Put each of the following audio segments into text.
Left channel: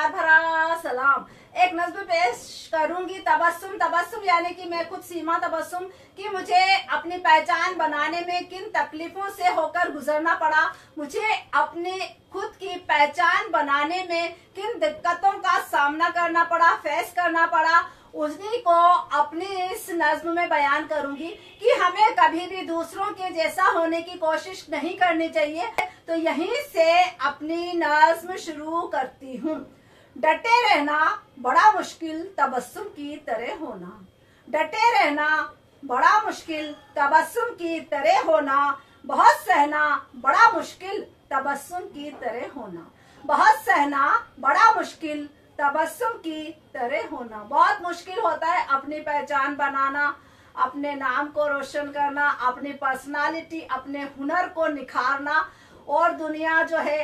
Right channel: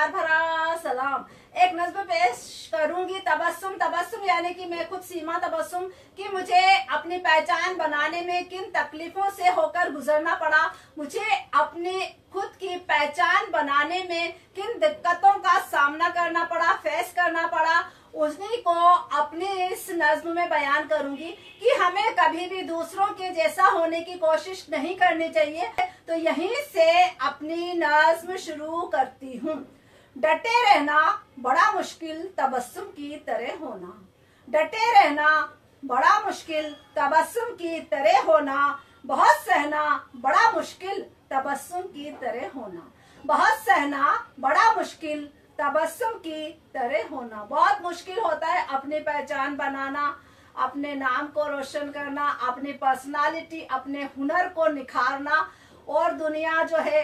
प्यार भरा सलाम। एक नज़्म पेश करूंगी, तबस्सुम। तबस्सुम यानी कि मैं खुद सीमा तबस्सुम कि मुझे अपनी पहचान बनाने में किन तकलीफों से होकर गुजरना पड़ा, मुझे अपनी खुद की पहचान बनाने में किन दिक्कतों का सामना करना पड़ा, फेस करना पड़ा, उन्हीं को अपनी इस नज्म में बयान करूंगी कि हमें कभी भी दूसरों के जैसा होने की कोशिश नहीं करनी चाहिए। तो यहीं से अपनी नज्म शुरू करती हूँ। डटे रहना बड़ा मुश्किल, तबस्सुम की तरह होना। डटे रहना बड़ा मुश्किल, तबस्सुम की तरह होना। बहुत सहना बड़ा मुश्किल, तबस्सुम की तरह होना। बहुत सहना बड़ा मुश्किल, तबस्सुम की तरह होना। बहुत मुश्किल होता है अपनी पहचान बनाना, अपने नाम को रोशन करना, अपनी पर्सनालिटी, अपने हुनर को निखारना। और दुनिया जो है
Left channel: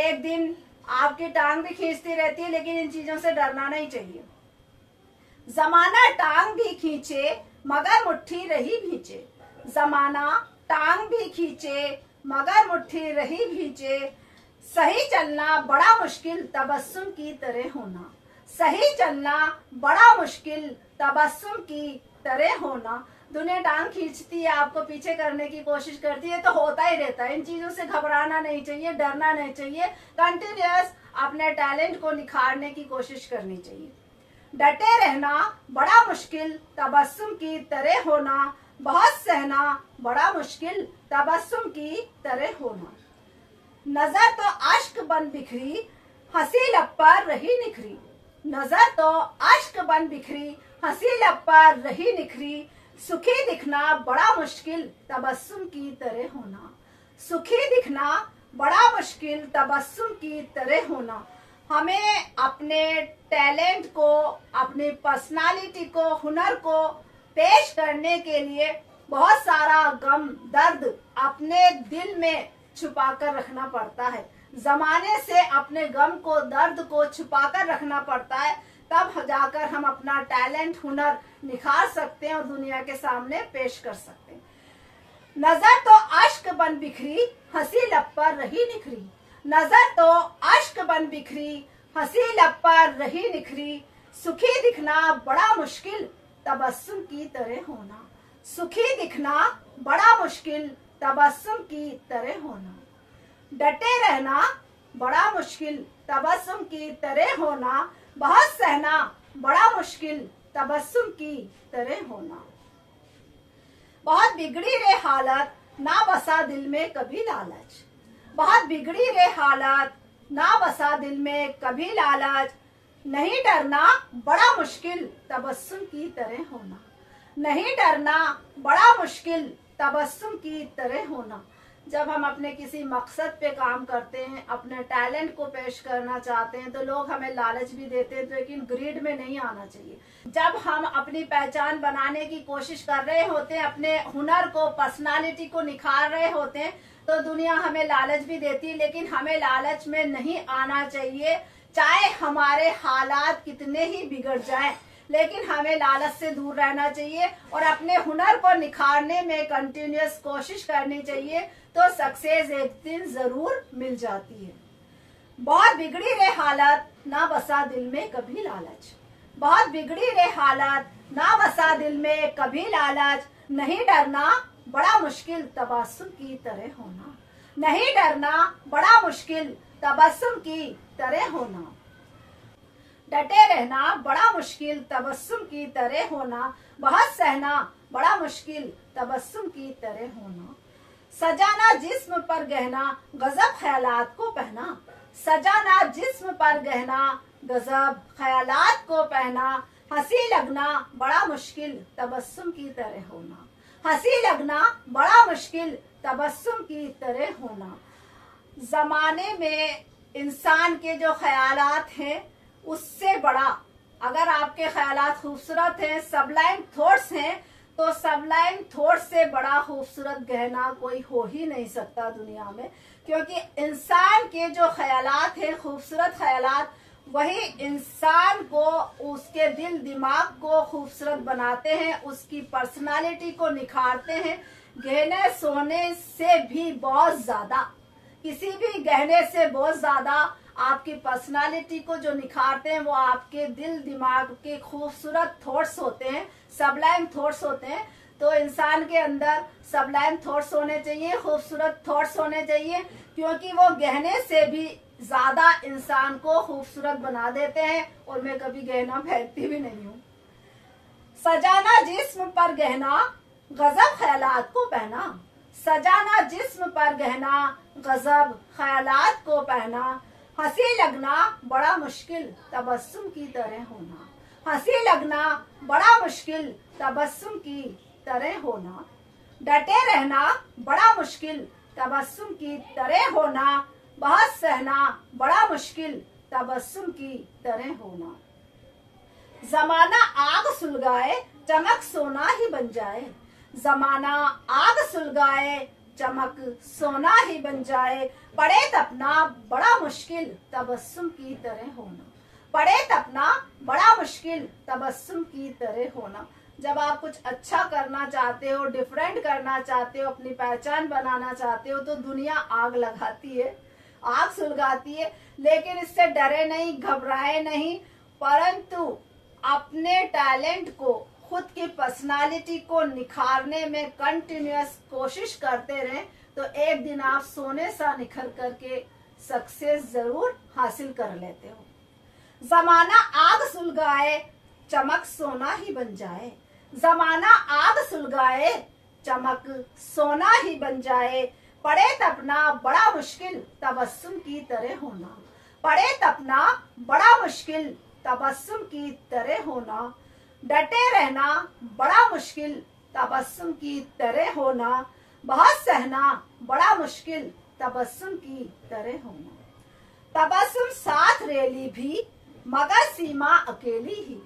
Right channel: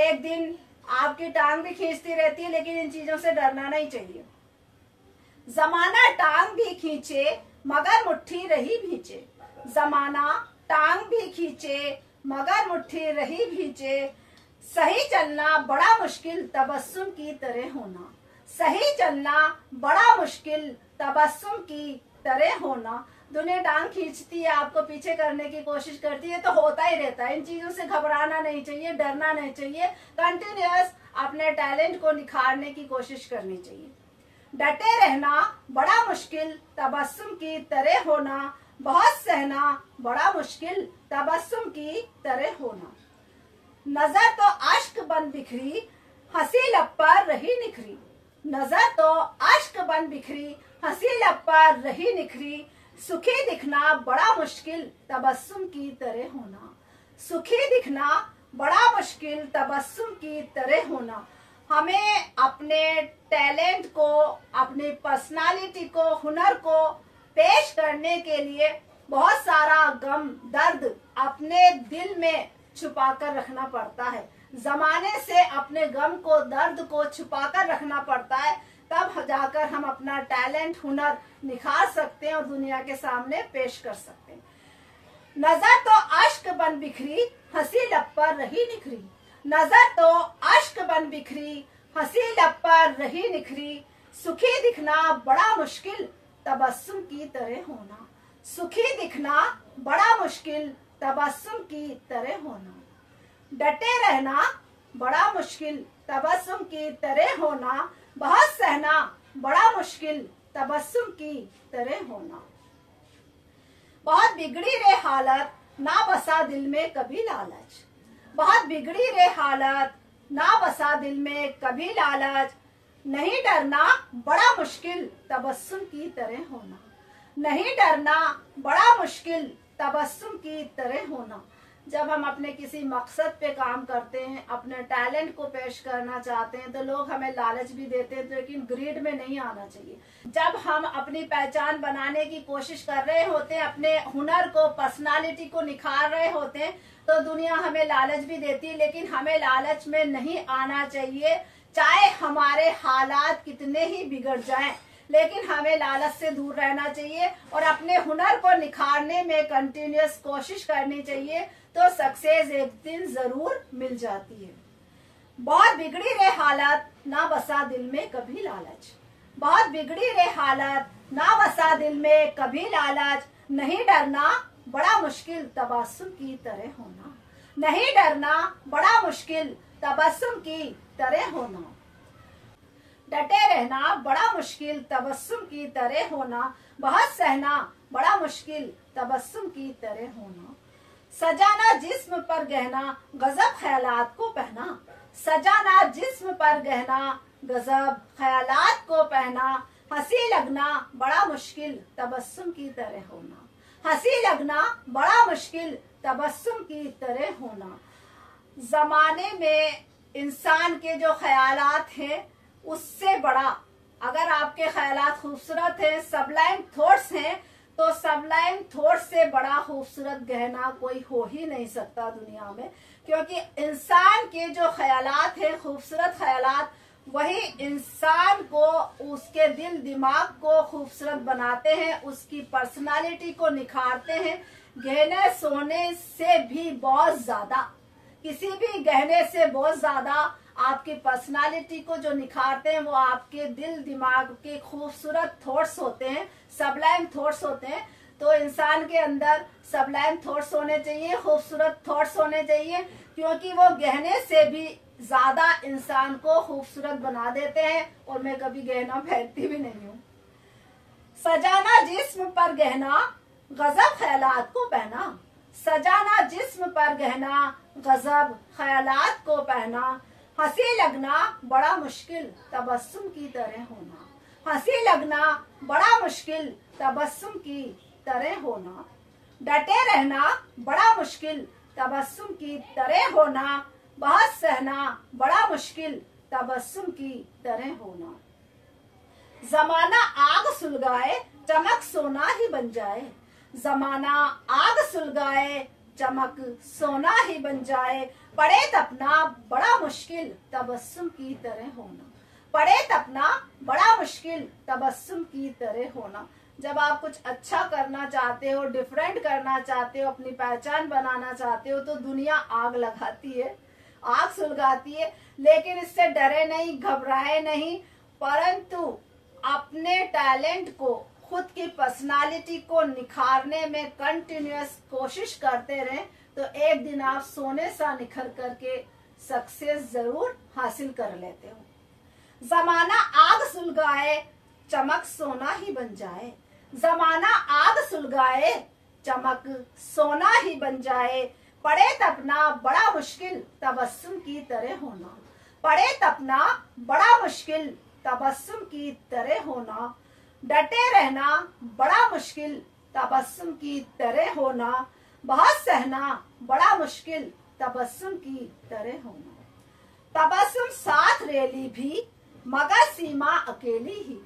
एक दिन आपकी टांग भी खींचती रहती है, लेकिन इन चीजों से डरना नहीं चाहिए। जमाना टांग भी खींचे मगर मुट्ठी रही भींचे। जमाना टांग भी खींचे मगर मुट्ठी रही भींचे। सही चलना बड़ा मुश्किल, तबस्सुम की तरह होना। सही चलना बड़ा मुश्किल, तबस्सुम की तरह होना। दुनिया टांग खींचती है, आपको पीछे करने की कोशिश करती है, तो होता ही रहता है। इन चीजों से घबराना नहीं चाहिए, डरना नहीं चाहिए। कंटिन्यूअस अपने टैलेंट को निखारने की कोशिश करनी चाहिए। डटे रहना बड़ा मुश्किल, तबस्सुम की तरह होना। बहुत सहना बड़ा मुश्किल, तबस्सुम की तरह होना। नजर तो अश्क बन बिखरी, हंसी लब पर रही निखरी। नजर तो अश्क बन बिखरी, हंसी लब पर रही निखरी। सुखी दिखना बड़ा मुश्किल, तबस्सुम की तरह होना। सुखी दिखना बड़ा मुश्किल, तबस्सुम की तरह होना। हमें अपने टैलेंट को, अपनी पर्सनालिटी को, हुनर को पेश करने के लिए बहुत सारा गम, दर्द अपने दिल में छुपा कर रखना पड़ता है। जमाने से अपने गम को, दर्द को छुपा कर रखना पड़ता है, तब जाकर हम अपना टैलेंट, हुनर निखार सकते हैं और दुनिया के सामने पेश कर सकते हैं। नजर तो अश्क बन बिखरी, हंसी लब पर रही निखरी। नजर तो अश्क बन बिखरी, हंसी लब पर रही निखरी। सुखी दिखना बड़ा मुश्किल, तबस्सुम की तरह होना। सुखी दिखना बड़ा मुश्किल, तबस्सुम की तरह होना। डटे रहना बड़ा मुश्किल, तबस्सुम की तरह होना। बहुत सहना बड़ा मुश्किल, तबस्सुम की तरह होना। बहुत बिगड़ी रे हालत, ना बसा दिल में कभी लालच। बहुत बिगड़ी रे हालत, ना बसा दिल में कभी लालच। नहीं डरना बड़ा मुश्किल, तबस्सुम की तरह होना। नहीं डरना बड़ा मुश्किल, तबस्सुम की तरह होना। जब हम अपने किसी मकसद पे काम करते हैं, अपने टैलेंट को पेश करना चाहते हैं, तो लोग हमें लालच भी देते हैं, लेकिन ग्रीड में नहीं आना चाहिए। जब हम अपनी पहचान बनाने की कोशिश कर रहे होते हैं, अपने हुनर को, पर्सनालिटी को निखार रहे होते हैं, तो दुनिया हमें लालच भी देती है, लेकिन हमें लालच में नहीं आना चाहिए। चाहे हमारे हालात कितने ही बिगड़ जाएं, लेकिन हमें लालच से दूर रहना चाहिए और अपने हुनर को निखारने में कंटिन्यूअस कोशिश करनी चाहिए, तो सक्सेस एक दिन जरूर मिल जाती है। बहुत बिगड़ी रे हालत, ना बसा दिल में कभी लालच। बहुत बिगड़ी रे हालत, ना बसा दिल में कभी लालच। नहीं डरना बड़ा मुश्किल, तबस्सुम की तरह होना। नहीं डरना बड़ा मुश्किल, तबस्सुम की तरह होना। डटे रहना बड़ा मुश्किल, तबस्सुम की तरह होना। बहुत सहना बड़ा मुश्किल, तबस्सुम की तरह होना। सजाना जिस्म पर गहना, गजब ख्यालात को पहना। सजाना जिस्म पर गहना, गजब ख्यालात को पहना। हंसी लगना बड़ा मुश्किल, तबस्सुम की तरह होना। हंसी लगना बड़ा मुश्किल, तबस्सुम की तरह होना। जमाने में इंसान के जो ख्यालात हैं, उससे बड़ा, अगर आपके ख्यालात खूबसूरत हैं, सबलाइम थॉट्स हैं, तो सबलाइम थॉट्स से बड़ा खूबसूरत गहना कोई हो ही नहीं सकता दुनिया में। क्योंकि इंसान के जो ख्यालात हैं, खूबसूरत ख्यालात, वही इंसान को, उसके दिल दिमाग को खूबसूरत बनाते हैं, उसकी पर्सनालिटी को निखारते हैं। गहने सोने से भी बहुत ज्यादा, किसी भी गहने से बहुत ज्यादा आपकी पर्सनालिटी को जो निखारते हैं वो आपके दिल दिमाग के खूबसूरत थॉट्स होते हैं, सबलाइम थॉट्स होते हैं। तो इंसान के अंदर सबलाइम थॉट्स होने चाहिए, खूबसूरत थॉट्स होने चाहिए, क्योंकि वो गहने से भी ज्यादा इंसान को खूबसूरत बना देते हैं। और मैं कभी गहना पहनती भी नहीं हूँ। सजाना जिस्म पर गहना, गजब ख्यालात को पहना। सजाना जिस्म पर गहना, गजब ख्यालात को पहना। हंसी लगना बड़ा मुश्किल, तबस्सुम की तरह होना। हंसी लगना बड़ा मुश्किल, तबस्सुम की तरह होना। डटे रहना बड़ा मुश्किल, तबस्सुम की तरह होना। बहुत सहना बड़ा मुश्किल, तबस्सुम की तरह होना। जमाना आग सुलगाए, चमक सोना ही बन जाए। जमाना आग सुलगाए, चमक सोना ही बन जाए। पड़े तपना बड़ा मुश्किल, तबस्सुम की तरह होना। पड़े तपना बड़ा मुश्किल, तबस्सुम की तरह होना। जब आप कुछ अच्छा करना चाहते हो, डिफरेंट करना चाहते हो, अपनी पहचान बनाना चाहते हो, तो दुनिया आग लगाती है, आग सुलगाती है। लेकिन इससे डरे नहीं, घबराए नहीं, परंतु अपने टैलेंट को, खुद की पर्सनालिटी को निखारने में कंटिन्यूअस कोशिश करते रहें, तो एक दिन आप सोने सा निखर करके सक्सेस जरूर हासिल कर लेते हो। जमाना आग सुलगाए, चमक सोना ही बन जाए। जमाना आग सुलगाए, चमक सोना ही बन जाए। पड़े तपना बड़ा मुश्किल, तबस्सुम की तरह होना। पड़े तपना बड़ा मुश्किल, तबस्सुम की तरह होना। डटे रहना बड़ा मुश्किल, तबस्सुम की तरह होना। बहुत सहना बड़ा मुश्किल, तबस्सुम की तरह होना। तबस्सुम साथ रेली भी, मगर सीमा अकेली ही।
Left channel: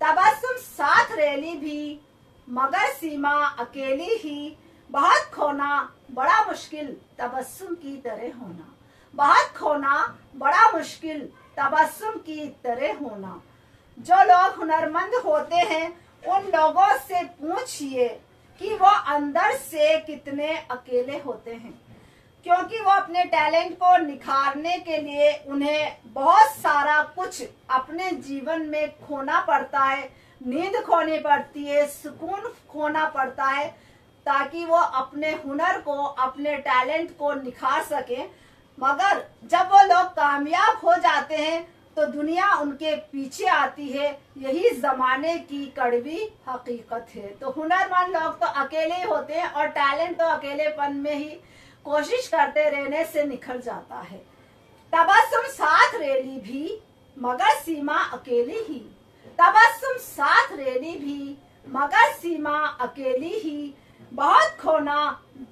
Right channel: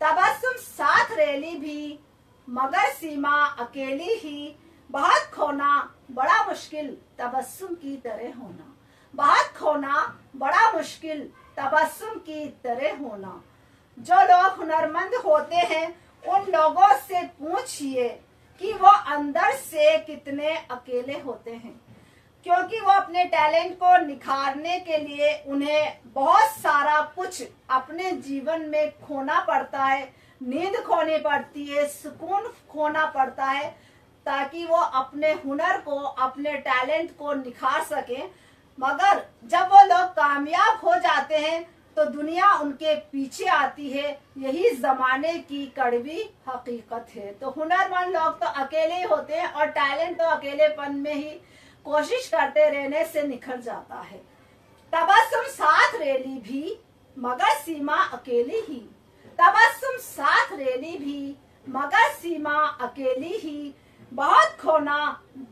तबस्सुम साथ रेली भी, मगर सीमा अकेली ही। बहुत खोना बड़ा मुश्किल, तबस्सुम की तरह होना। बहुत खोना बड़ा मुश्किल, तबस्सुम की तरह होना। जो लोग हुनरमंद होते हैं, उन लोगों से पूछिए कि वो अंदर से कितने अकेले होते हैं, क्योंकि वो अपने टैलेंट को निखारने के लिए उन्हें बहुत सारा कुछ अपने जीवन में खोना पड़ता है। नींद खोनी पड़ती है, सुकून खोना पड़ता है, ताकि वो अपने हुनर को, अपने टैलेंट को निखार सके। मगर जब वो लोग कामयाब हो जाते हैं तो दुनिया उनके पीछे आती है। यही जमाने की कड़वी हकीकत है। तो हुनरमंद लोग तो अकेले ही होते हैं, और टैलेंट तो अकेलेपन में ही कोशिश करते रहने से निखर जाता है। तबस्सुम साथ रेली भी, मगर सीमा अकेली ही। तबस्सुम साथ रेली भी, मगर सीमा अकेली ही। बहुत खोना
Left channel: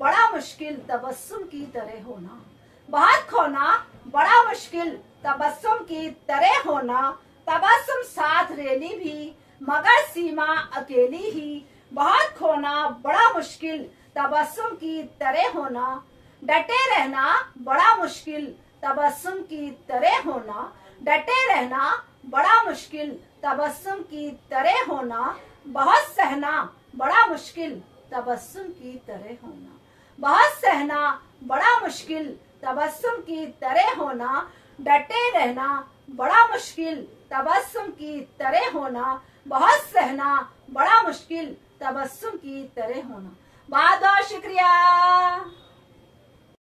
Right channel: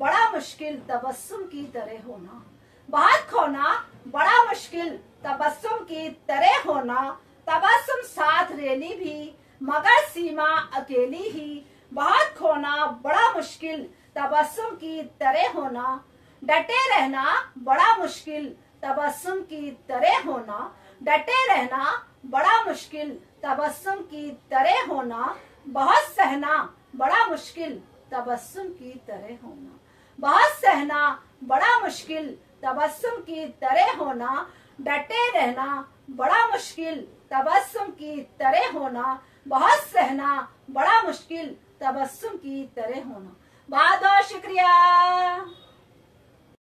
बड़ा मुश्किल, तबस्सुम की तरह होना। बहुत खोना बड़ा मुश्किल, तबस्सुम की तरह होना। तबस्सुम साथ रेली भी, मगर सीमा अकेली ही। बहुत खोना बड़ा मुश्किल, तबस्सुम की तरह होना। डटे रहना बड़ा मुश्किल, तबस्सुम की तरह होना। डटे रहना बड़ा मुश्किल, तबस्सुम की तरह होना। बहुत सहना बड़ा मुश्किल, तबस्सुम की तरह होना। बहुत सहना बड़ा मुश्किल, तबस्सुम की तरह होना। डटे रहना बड़ा मुश्किल, तबस्सुम की तरह होना। बहुत सहना बड़ा मुश्किल, तबस्सुम की तरह होना। बहुत बहुत शुक्रिया।